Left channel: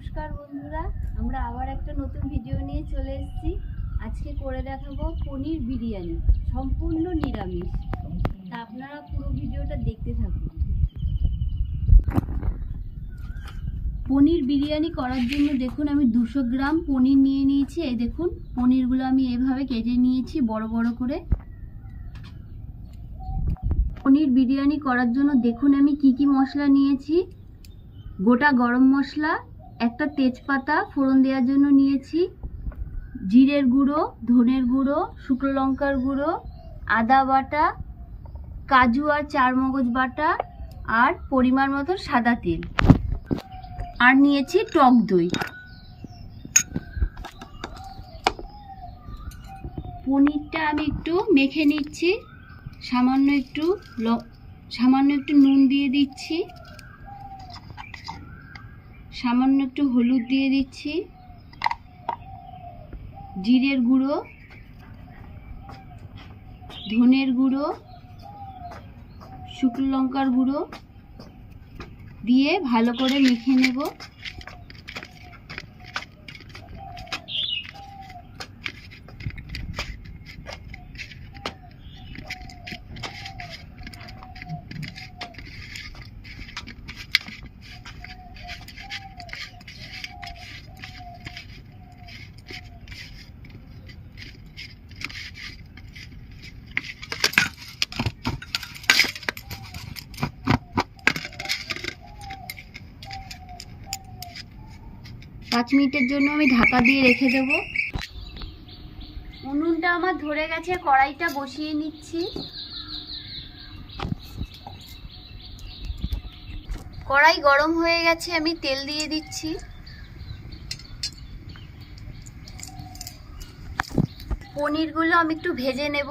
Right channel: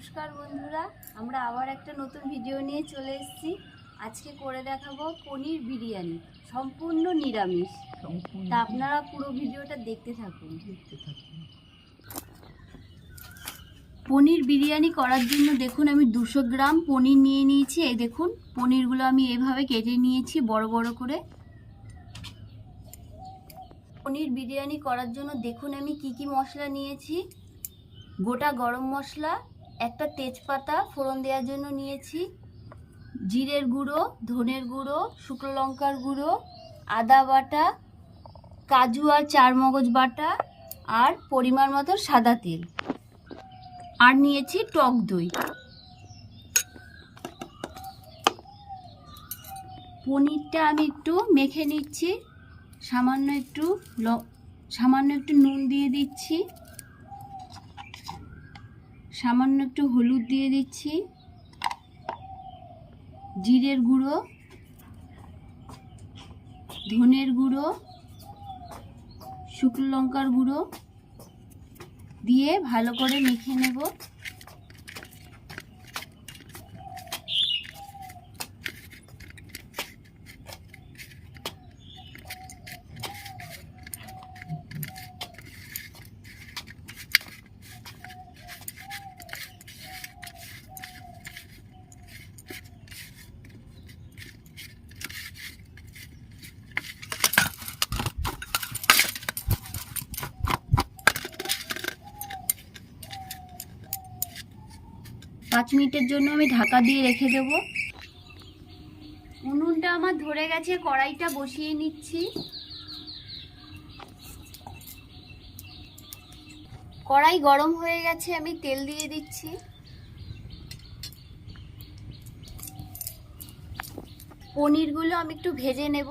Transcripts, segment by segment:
নমস্কার বন্ধুরা আমরা আবার একটা নতুন ভিডিও নিয়ে চলে এসেছি। আজকে করে দেখাবো পনির বিরিয়ানি সম্পূর্ণ নিরামিষ। তা আপনারা পুরো ভিডিওটা দেখতে থাকুন। পনির বিরিয়ানি করার জন্য দেখুন আমি দুশো গ্রাম পনির নিয়ে নিয়েছি। এই দেখুন পনিরগুলো আমি এভাবে কেটে নিয়েছি বড় বড় করে। পনির বিরিয়ানি করার জন্য দেখুন আমি কি কি মশলা নিয়েছি। গোটা গরম মশলা একটা তেজপাতা ফোড়ন দেওয়ার জন্য নিয়েছি। জিরের গুঁড়ো, ধনের গুঁড়ো, শুকনো লঙ্কার গুঁড়ো, আদা বাটা, কাজু আর চারমগজ বাটা আর পরিমাণ মতো সাদা তেল। আর নিয়েছি টক দই। পনিরটা আমি একটু মেখে নিচ্ছি। সামান্য একটু সামান্য একটু নুন দিয়ে দিচ্ছি। সামান্য একটু হলুদ দিয়ে দিচ্ছি, জিরের গুঁড়ো, ধনের গুঁড়ো, শুকনো লঙ্কার গুঁড়ো দিয়ে ভালো করে মেখে নেব। পাঁচ মিনিটের জন্য আমি ঢাকা দিয়ে রেখে দেব। উনুনটা আমার ধরে গেছে, কড়াইটা বসিয়ে নিচ্ছি। কড়াই গরম হয়ে গেছে, আমি তেল দিয়ে দিচ্ছি। পনিরগুলো আমি একটু ভেজে নেব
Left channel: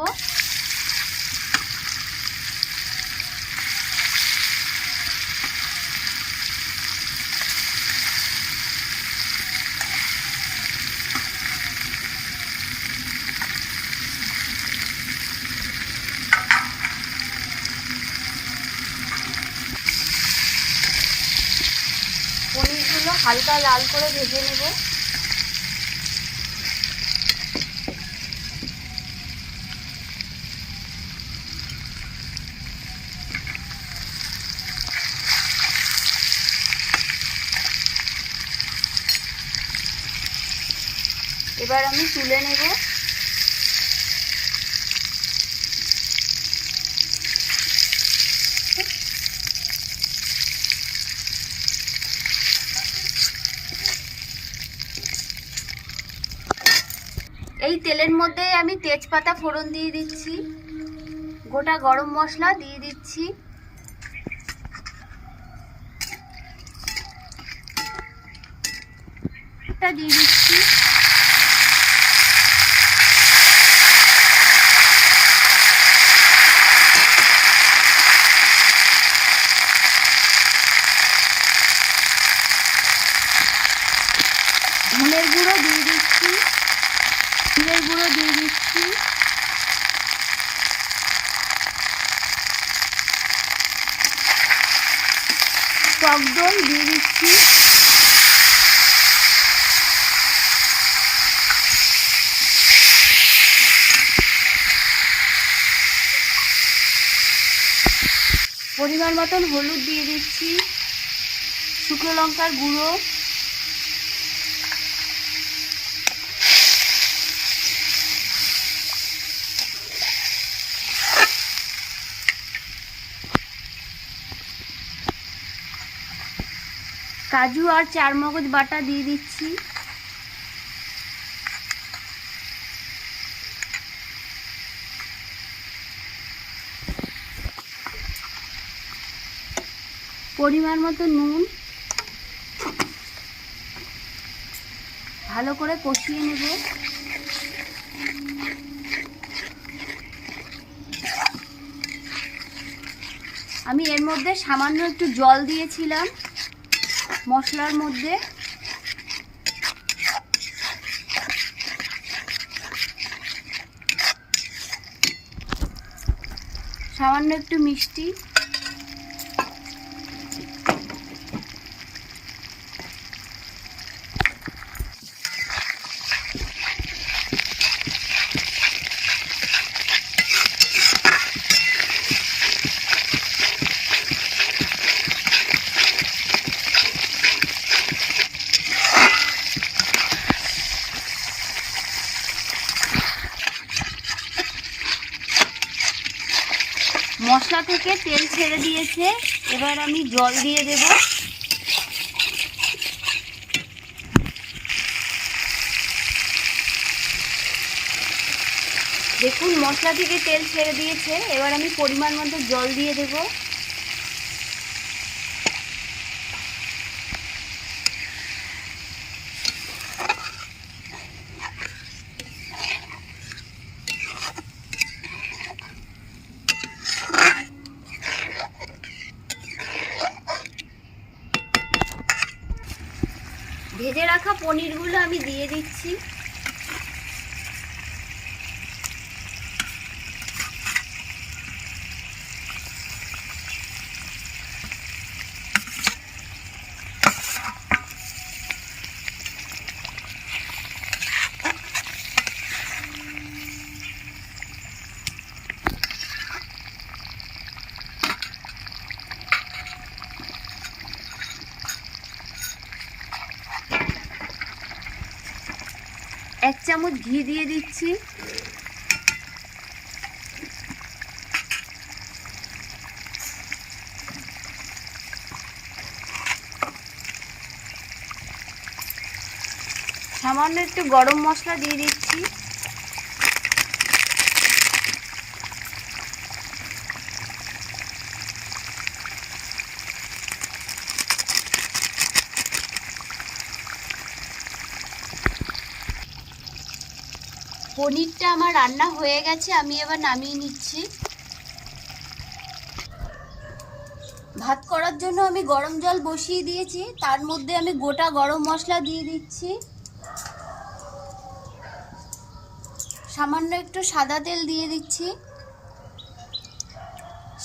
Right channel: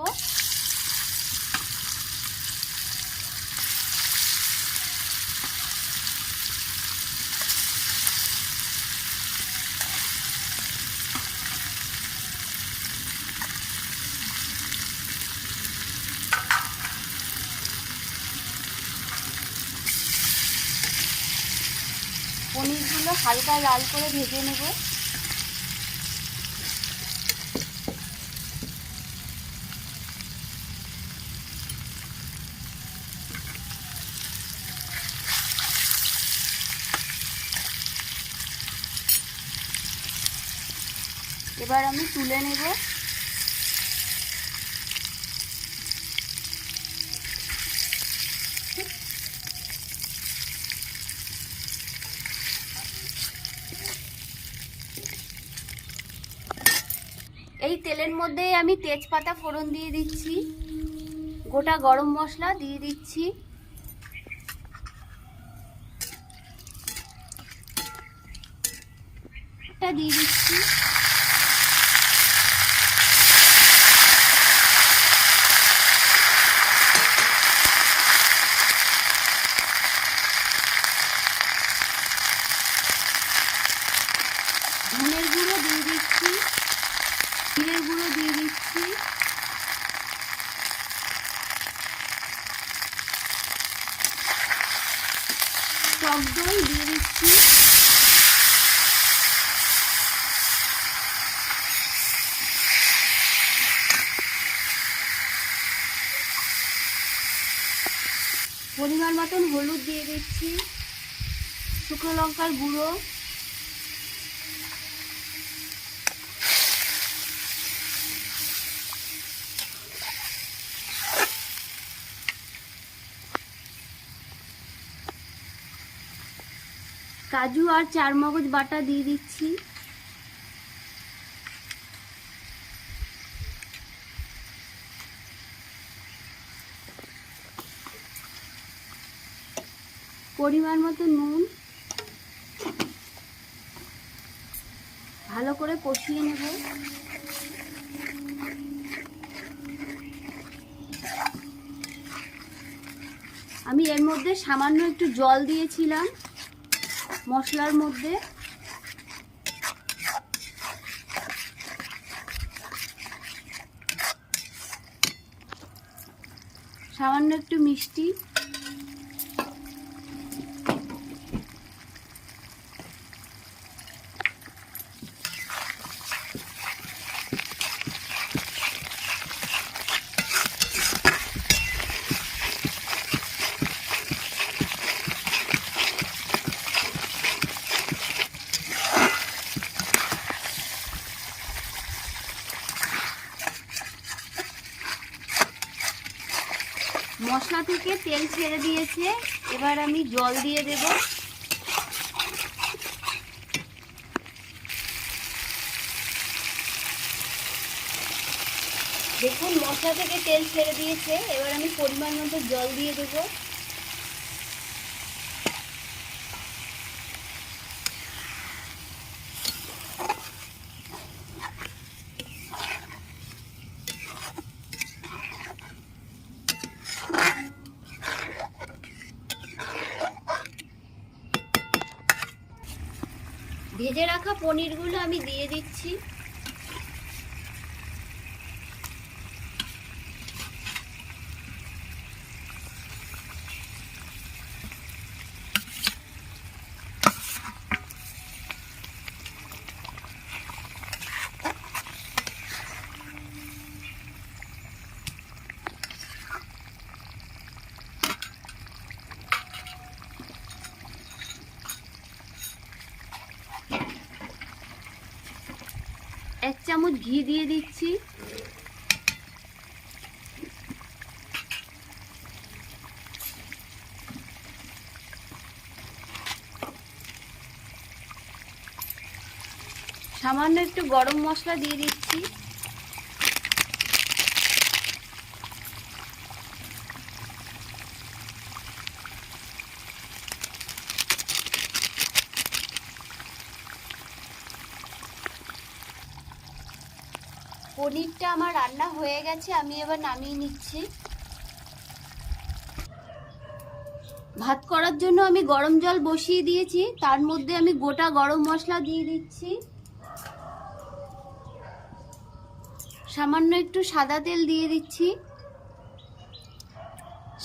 পনিরগুলো হালকা লাল করে ভেজে নেব। এবার আমি তুলে নেব। তেলের মধ্যে আমি তেজপাতা ফোড়ন দিয়ে দিচ্ছি। গোটা গরম মশলা দিয়ে দিচ্ছি। দিয়ে দিচ্ছি ধনের গুঁড়ো দিয়ে দিচ্ছি জিরের গুঁড়ো দিয়ে দিচ্ছি টক দই দিয়ে দিচ্ছি পরিমাণ মতন হলুদ দিয়ে দিচ্ছি শুকনো লঙ্কার গুঁড়ো। কাজু আর চারমগজ বাটা দিয়ে দিচ্ছি। পরিমাণ মতো নুন। ভালো করে কষিয়ে নেব। আমি এর মধ্যে সামান্য একটু জল দিয়েছিলাম মশলার মধ্যে। সামান্য একটু মিষ্টি তেল ছেড়ে দিয়েছে। এবার আমি জল দিয়ে দেব। দেখুন, মশলা থেকে তেল ছেড়ে দিয়েছে। এবার আমি পরিমাণ মতো জল দিয়ে দেব ভেজে রাখা পনিরগুলো আমি দিয়ে দিচ্ছি। এক চামচ ঘি দিয়ে দিচ্ছি। সামান্য একটু গরম মশলা দিয়ে দিচ্ছি। পনিরটা আমার রান্না হয়ে গেছে, আমি এবার নামিয়ে নিচ্ছি। ভাত করার জন্য আমি গরম জল বসিয়ে দিয়েছি, তার মধ্যে আমি গোটা গরম মশলা দিয়ে দিচ্ছি। সামান্য একটু সাদা তেল দিয়ে দিচ্ছি।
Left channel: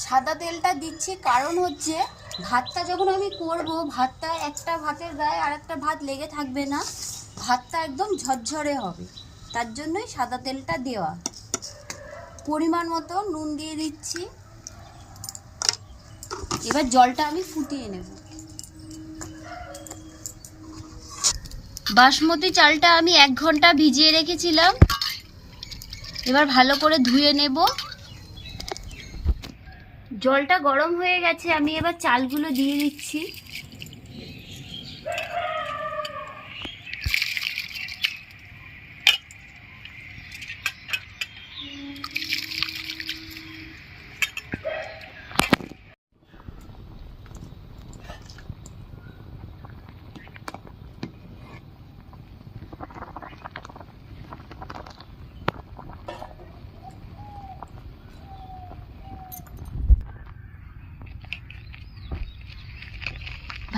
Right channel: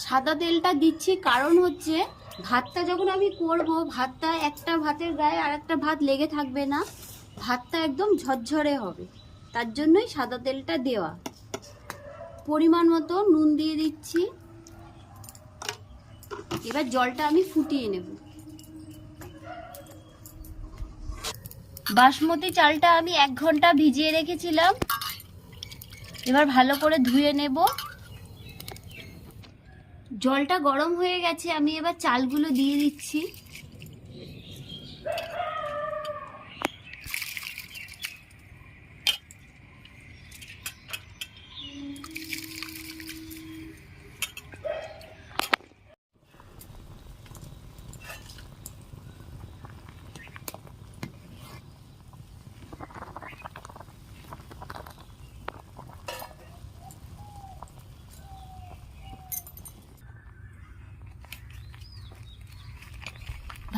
সাদা তেলটা দিচ্ছি কারণ হচ্ছে, ভাতটা যখন আমি করব, ভাতটা একটা ভাতের গায়ে আর একটা ভাত লেগে থাকবে না, ভাতটা একদম ঝরঝরে হবে। তার জন্যই সাদা তেলটা দেওয়া। পরিমাণ মতো নুন দিয়ে দিচ্ছি। এবার জলটা আমি ফুটিয়ে নেব। বাসমতি চালটা আমি এক ঘণ্টা ভিজিয়ে রেখেছিলাম। এবার ভালো করে ধুয়ে নেব। জলটা গরম হয়ে গেছে, আমি এবার চালগুলো দিয়ে দিচ্ছি।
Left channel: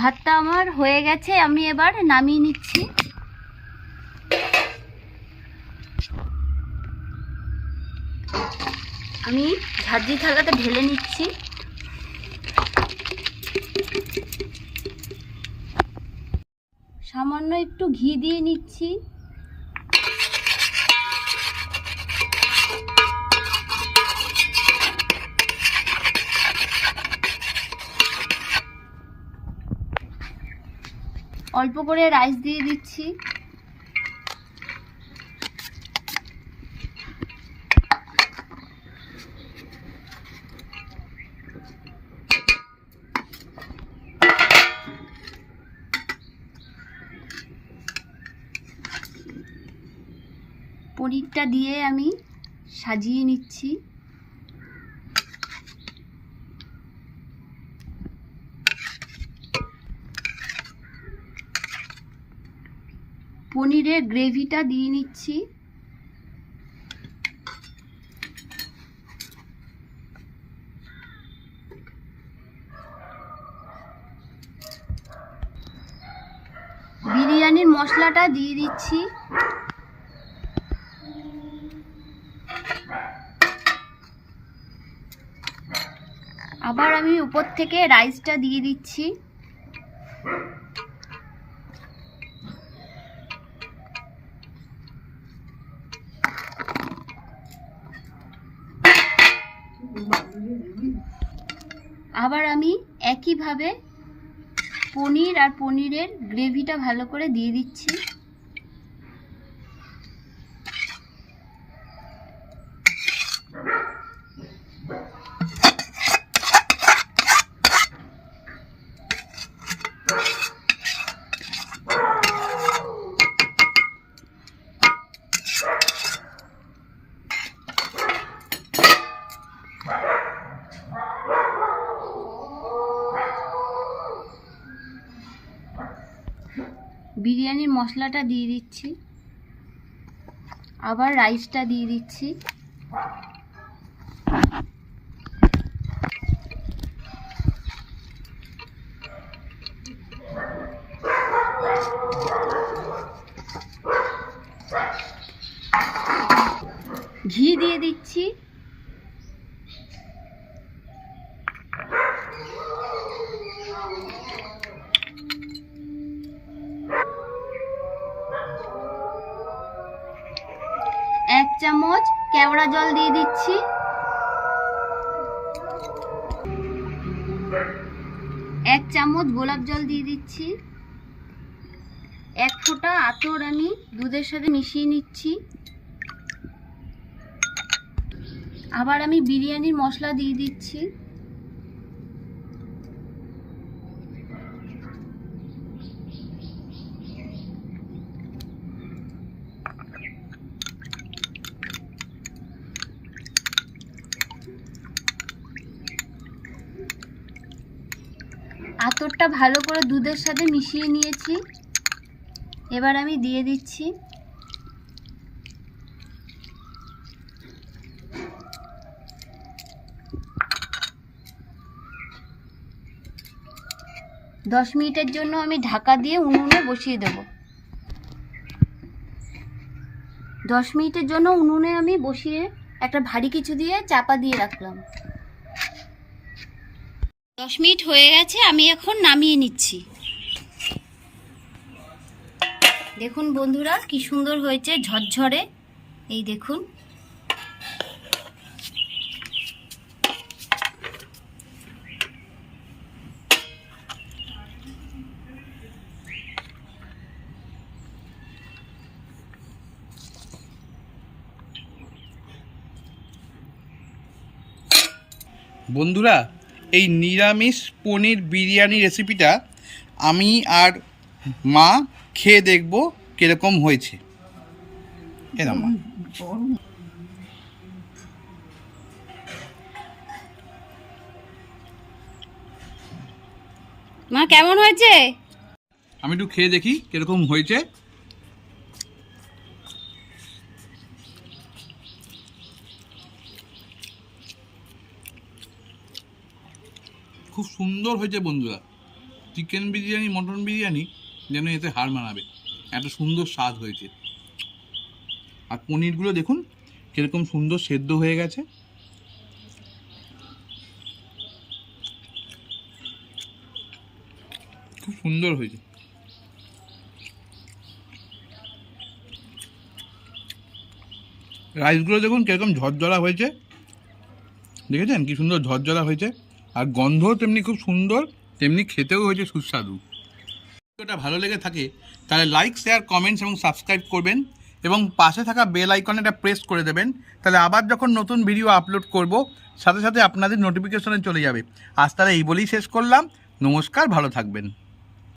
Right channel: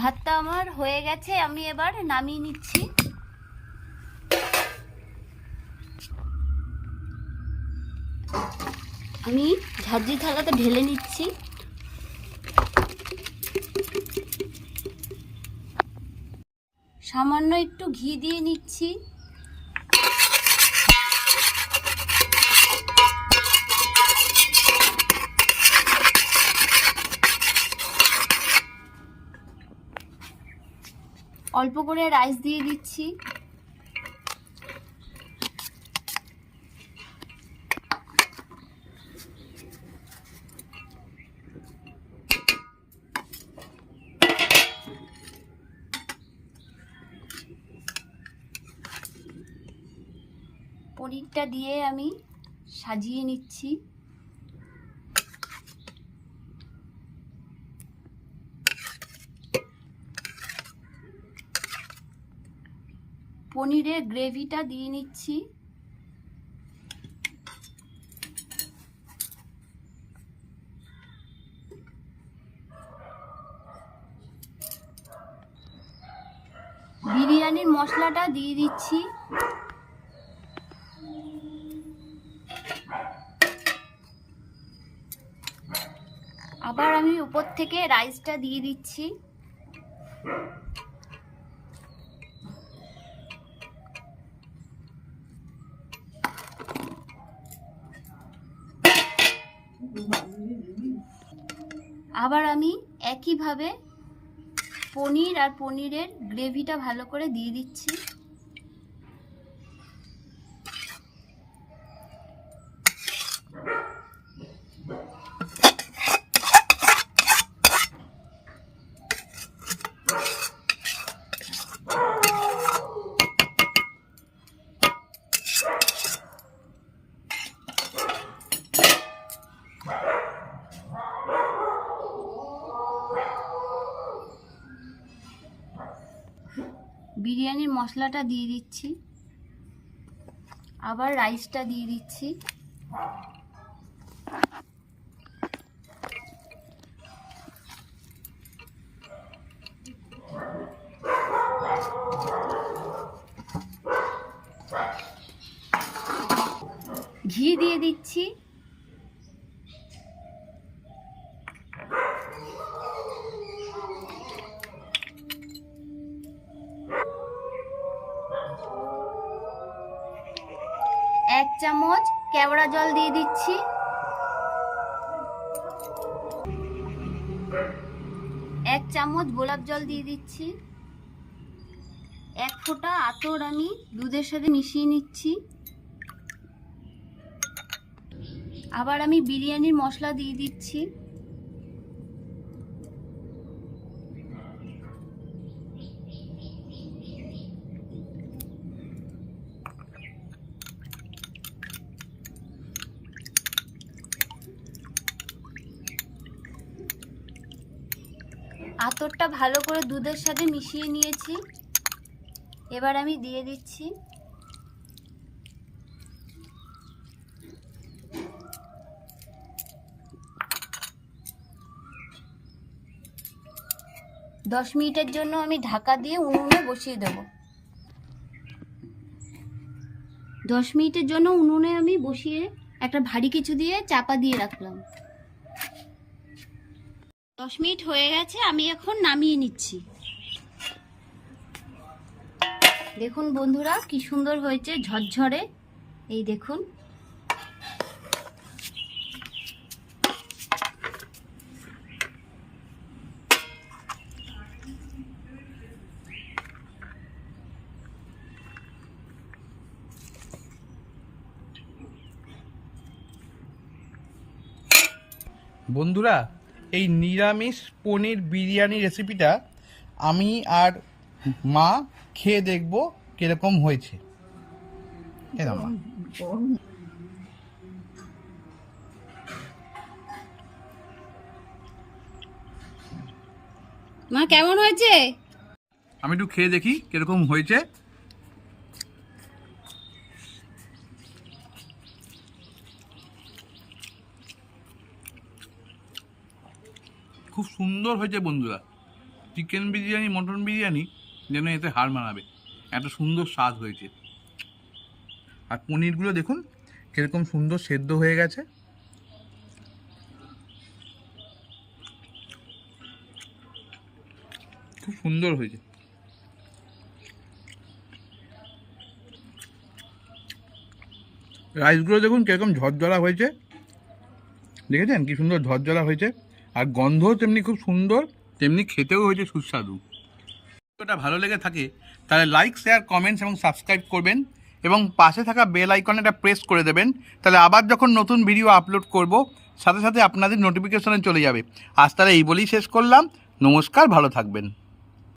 ভাতটা আমার হয়ে গেছে, আমি এবার নামিয়ে নিচ্ছি। আমি ঝাঁঝি থালাতে ঢেলে নিচ্ছি। সামান্য একটু ঘি দিয়ে নিচ্ছি। অল্প করে রাইস দিয়ে দিচ্ছি। পনিরটা দিয়ে আমি সাজিয়ে নিচ্ছি। পনিরের গ্রেভিটা দিয়ে নিচ্ছি। বিরিয়ানির মশলাটা দিয়ে দিচ্ছি। আবার আমি উপর থেকে রাইসটা দিয়ে দিচ্ছি। আবার আমি একইভাবে পনির আর পনিরের গ্রেভিটা ভালো করে দিয়ে দিচ্ছি। বিরিয়ানির মশলাটা দিয়ে দিচ্ছি। আবার রাইসটা দিয়ে দিচ্ছি। ঘি দিয়ে দিচ্ছি। জল দিয়ে দিচ্ছি। এক ফোঁটা আতর আমি দুধের সাথে মিশিয়ে নিচ্ছি। আবার আমি বিরিয়ানির মশলা দিয়ে দিচ্ছি। আতরটা ভালো করে দুধের সাথে মিশিয়ে নিয়েছি। এবার আমি দিয়ে দিচ্ছি। দশ মিনিটের জন্য আমি ঢাকা দিয়ে উনুনে বসিয়ে দেব। দশ মিনিটের জন্য উনুনে আমি বসিয়ে একটা ভারী কিছু দিয়ে চাপা দিয়ে রাখলাম। দশ মিনিট হয়ে গেছে, আমি এখন নামিয়ে নিচ্ছি। দেখুন বন্ধুরা, কি সুন্দর হয়েছে ঝরঝরে। এই দেখুন। বন্ধুরা এই নিরামিষ পনির বিরিয়ানি রেসিপিটা আমি আর মা খেয়ে দেখব কীরকম হয়েছে। এরকম মা। মা কেমন হয়েছে? আমি একটু খেয়ে দেখি কীরকম হয়েছে। খুব সুন্দর হয়েছে বন্ধুরা। চিকেন বিরিয়ানি, মটন বিরিয়ানি যেন এতে হার মানাবে। এত সুন্দর স্বাদ হয়েছে। আর পনিরগুলো দেখুন, কীরকম সুন্দর সেদ্ধ হয়ে গেছে। খুব সুন্দর হয়েছে। রাইসগুলো দেখুন, কীরকম ঝরঝরা হয়েছে। দেখেছেন? কি সুন্দর ঝরঝরা হয়েছে। আর গন্ধও তেমনি খুব সুন্দর, তেমনি খেতেও হয়েছে সুস্বাদু। ভিডিওটা ভালো লেগে থাকে, তাহলে লাইক শেয়ার কমেন্টস এবং সাবস্ক্রাইব করবেন এবং পাশে থাকা বেল আইকনটা প্রেস করে দেবেন, তাহলে আবার যখন নতুন ভিডিও আপলোড করব, সাথে সাথে আপনাদের নোটিফিকেশনে চলে যাবে। আজ তাহলে এই বলেই শেষ করলাম, নমস্কার, ভালো থাকবেন।